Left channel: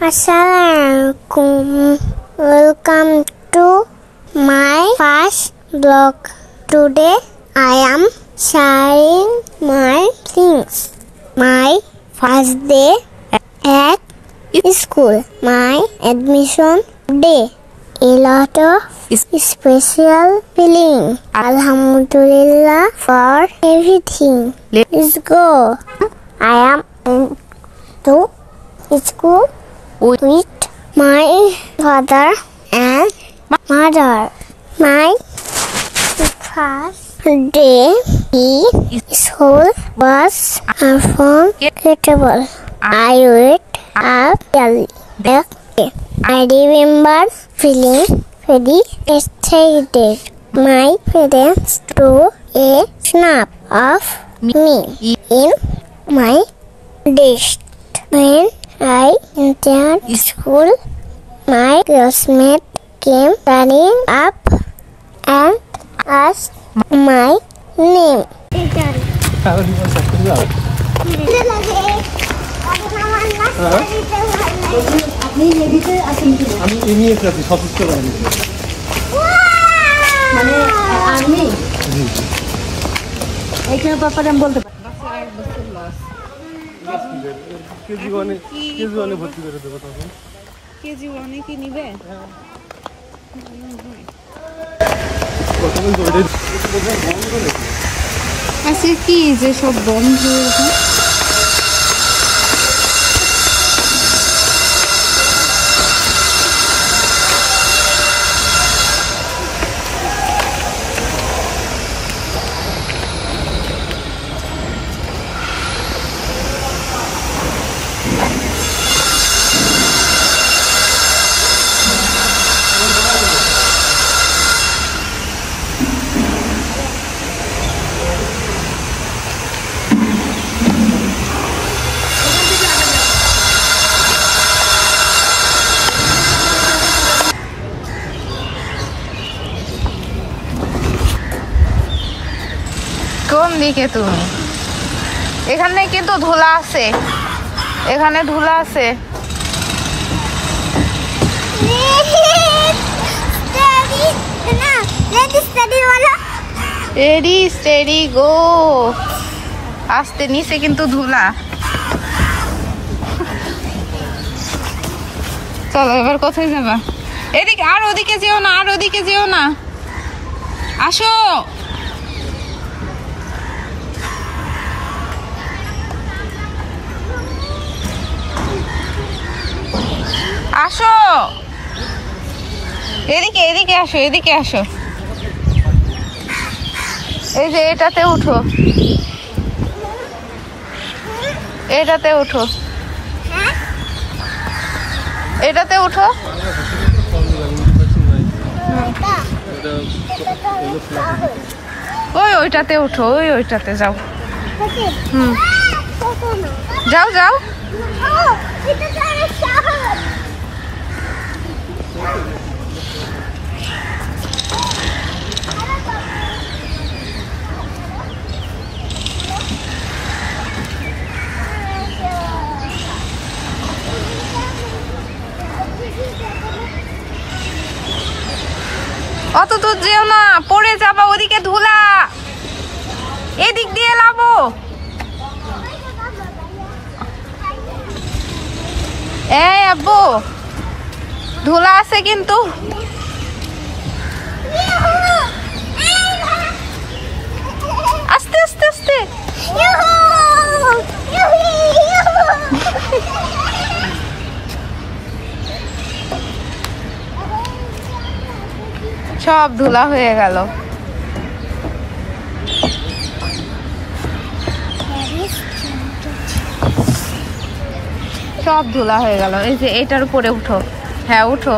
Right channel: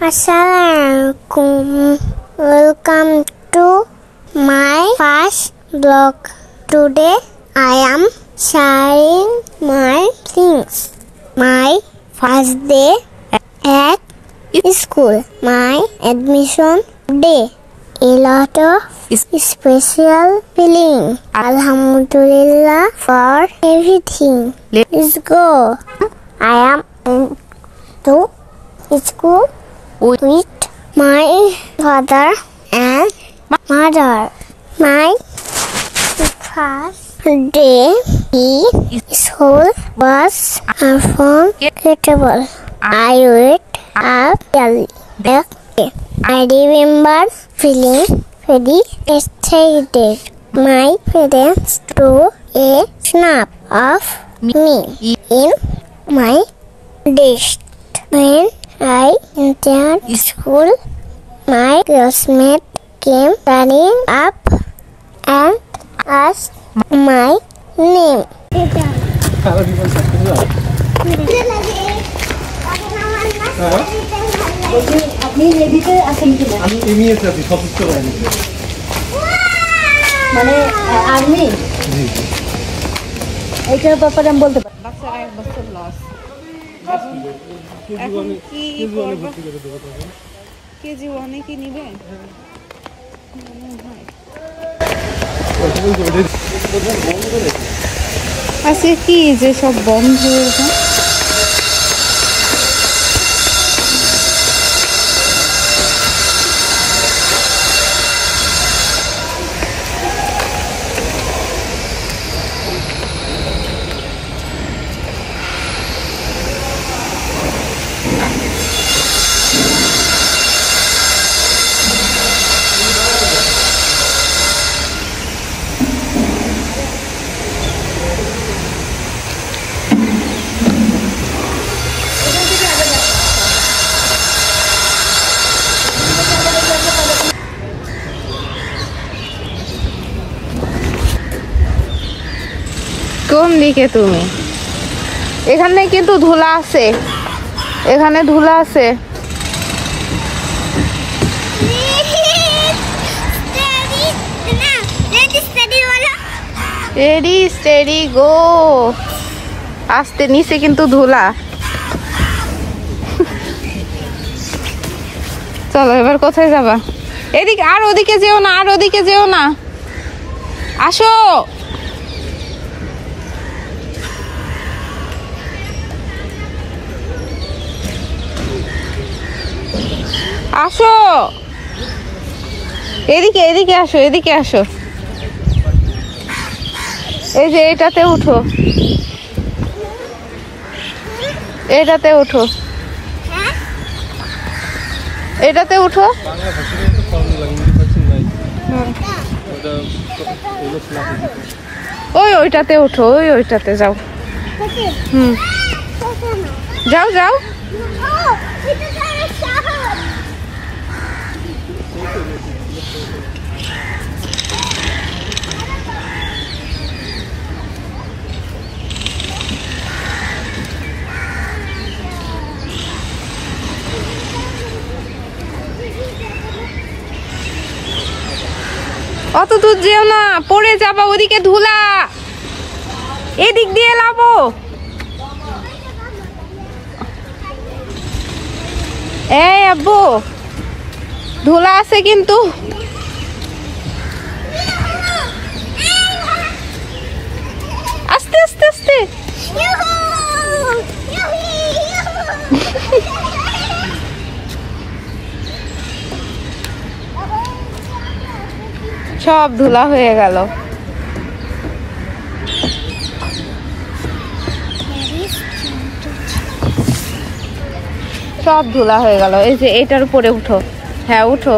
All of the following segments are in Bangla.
Assalamualaikum. Welcome to my first blog. Today I am sharing my things. My first day at school. My admission day. A lot of special feeling. Alhamdulillah for everything. Let's go. I am to school with my father and mother. My first day in school was unforgettable. I wake up early. I remember feeling very excited. My parents drew a snap of me in my desk. When I entered school, my classmate came running up and asked my name. আপনি লেডিতে আছেন কিনা? আমি এমইএস আছি, সদস্য বাহিনী। মানে আর্মি? জি। এইটার ব্যাপারে আমি বলতে পারি। বাচ্চার 1 বছর লস। কেজি ওয়ানে ভর্তি করে দেবো তখন। কেজি ওয়ানে কি নিবে? আজকে কি যে সব বন্ধ হয়েছে? তুমি এখানে কিন্তু ধুলা আছে, এখানে ধুলা আছে। Ready steady go. আস্তে, নিচে কিন্তু ধুলা। চলো এবার কোথায় যাবা? এদিকে, আর ওদিকে যেও না, আর ওদিকে যেও না, আসো। আসো এদিকে, এদিকে আসো, এদিকে আসো। এই যে এটাতে উঠো, এটাতে উঠো, এটাতে উঠো। ওইটাতে উঠো, ওইটাতে যাও। যাও যাও। অত দূর যেও না, পড়ে যাবা, ওদিকে ধুলা, এদিক দিয়ে লাবো। এই আব্বু, ধুলা আছে কিন্তু। আস্তে আস্তে আস্তে। সব ধুলা হয়ে গেল। সব ধুলা হয়ে গেল। এই যে এটার উপরে উঠো। হ্যাঁ উঠো।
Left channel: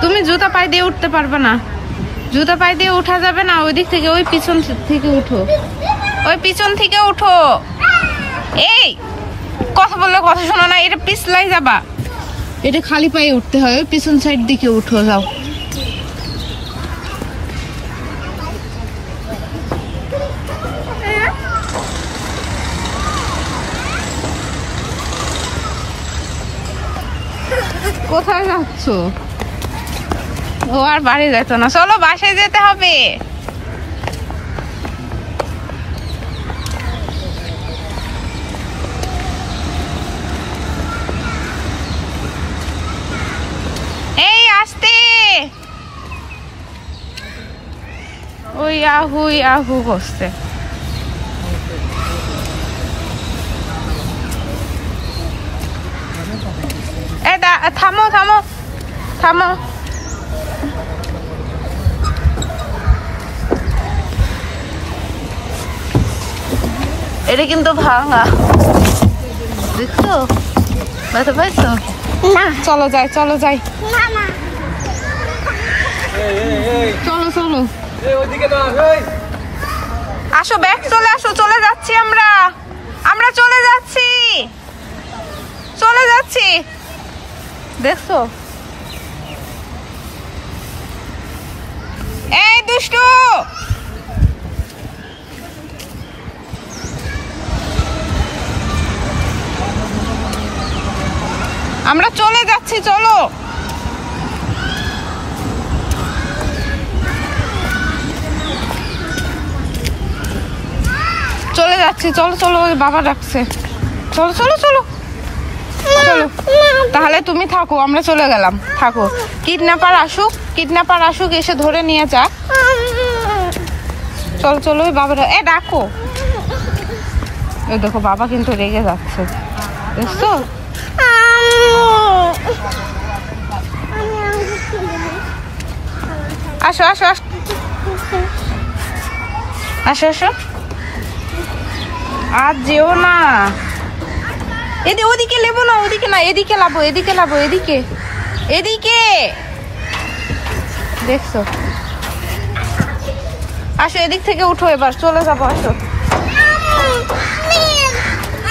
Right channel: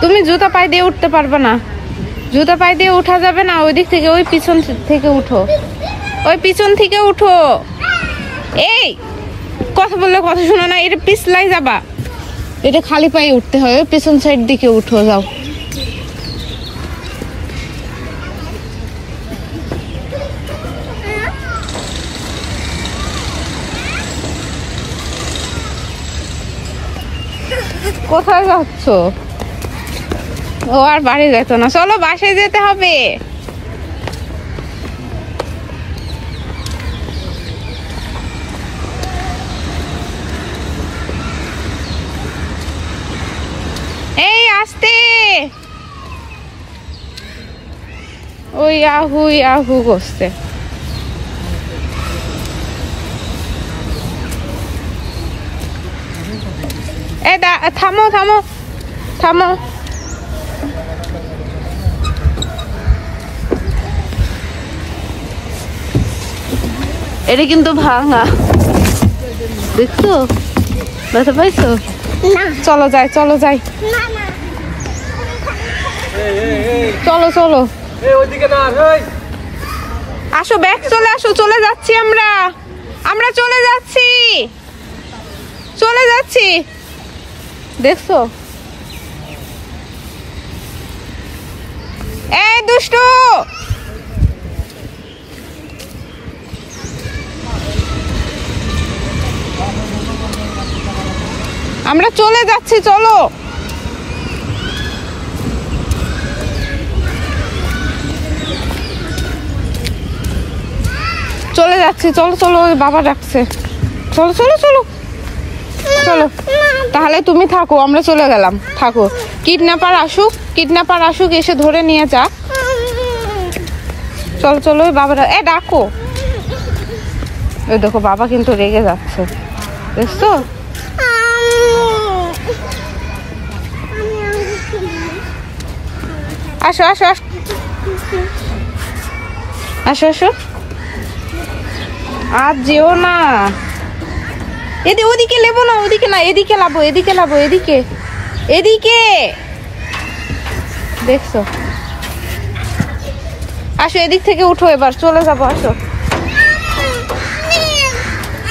তুমি জুতা পায়ে দিয়ে উঠতে পারবে না, জুতা পায়ে দিয়ে উঠা যাবে না। ওই দিক থেকে, ওই পিছন থেকে উঠো, ওই পিছন থেকে উঠো। এই কথা বললে কথা শোনো না, এটা পিছলাই যাবা। এটা খালি পায়ে উঠতে হয়, পিছন সাইড দিকে উঠো, যাও। কোথায় যাচ্ছ? ও আর বাড়ি যেত না, চলো বাসায় যেতে হবে। এই আসতে, ওই আহু আহু করছে। থামো থামো থামো। এটা কিন্তু ভাঙা, দেখছো? বুঝতে পারছো? চলো যাই, চলো যাই, চলো চলো। আসো, ব্যাগ চলে আসো, চলে যাচ্ছি আমরা, আমরা চলে যাচ্ছি, চলে যাচ্ছি। দেখছো? এই দুষ্টু, আমরা চলে যাচ্ছি, চলো। চলে যাচ্ছি, চলো চলো, ওই বাবা ডাকছে, চলো চলো চলো চলো। তাহলে তুমি থাকো, আমরা চলে গেলাম, থাকো। কিডন্যাপার আসুক, কিডন্যাপার আসুক, এসে ধরে নিয়ে যা। চলো চলো, বাবারা এ ডাকো। এই দেখো বাবা কিন্তু রেগে যাচ্ছে, বুঝছো? আসো আসো আসো আসো আসো। আর যেও না, ওদিকে নেবো না, ওদিকে না, এদিকে লাবো, এদিকে লাবো, এদিকে এদিকে। দেখছো? আসো, এদিক থেকে উঠো, এবার চলে যাবো, আসো।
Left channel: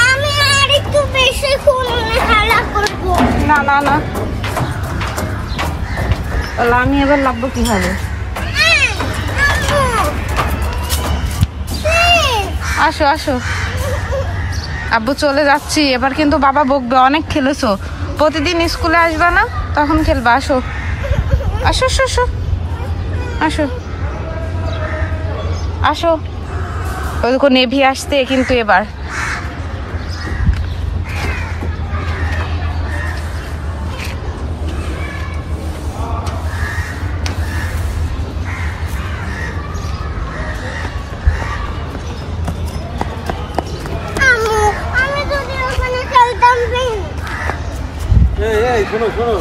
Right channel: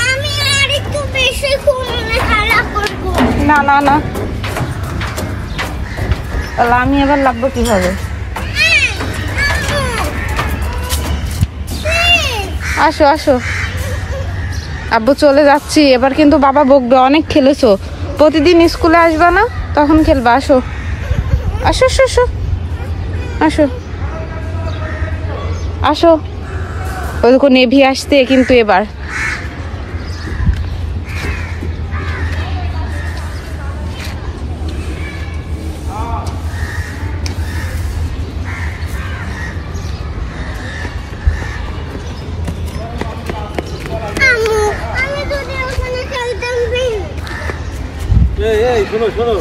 আমি আর একটু বেশি খেলা করবো। না না না, তাহলে আমি এবার লাভবো কিভাবে? আসো আসো। আব্বু চলে যাচ্ছি, এবার কিন্তু বাবা বকবে, অনেক খেলেছো, প্রতিদিন স্কুলে আসবা না, তখন খেলবা। আসো আসো আসো আসো আসো আসো। ওই দেখো নেভি আসতে কিন্তু এবার। শোনো শোনো,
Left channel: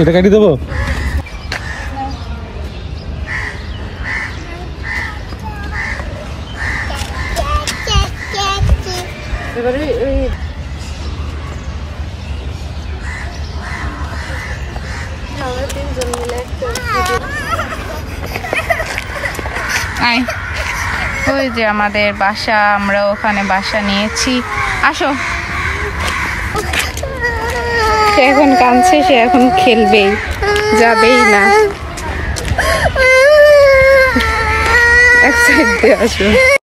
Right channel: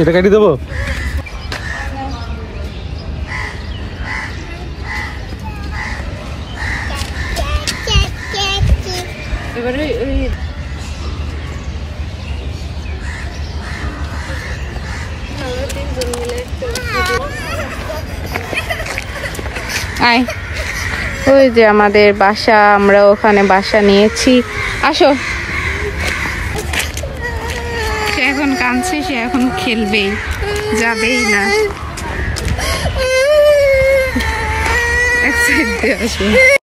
এটা কাটি দেবো। এবারে ওই যে আমাদের বাসা, আমরা ওখানে বাসা নিয়েছি। আসো। সে এখন কাঁদছে, সে এখন খেলবেই, যাবেই না। এক সাইড দিয়ে আসো।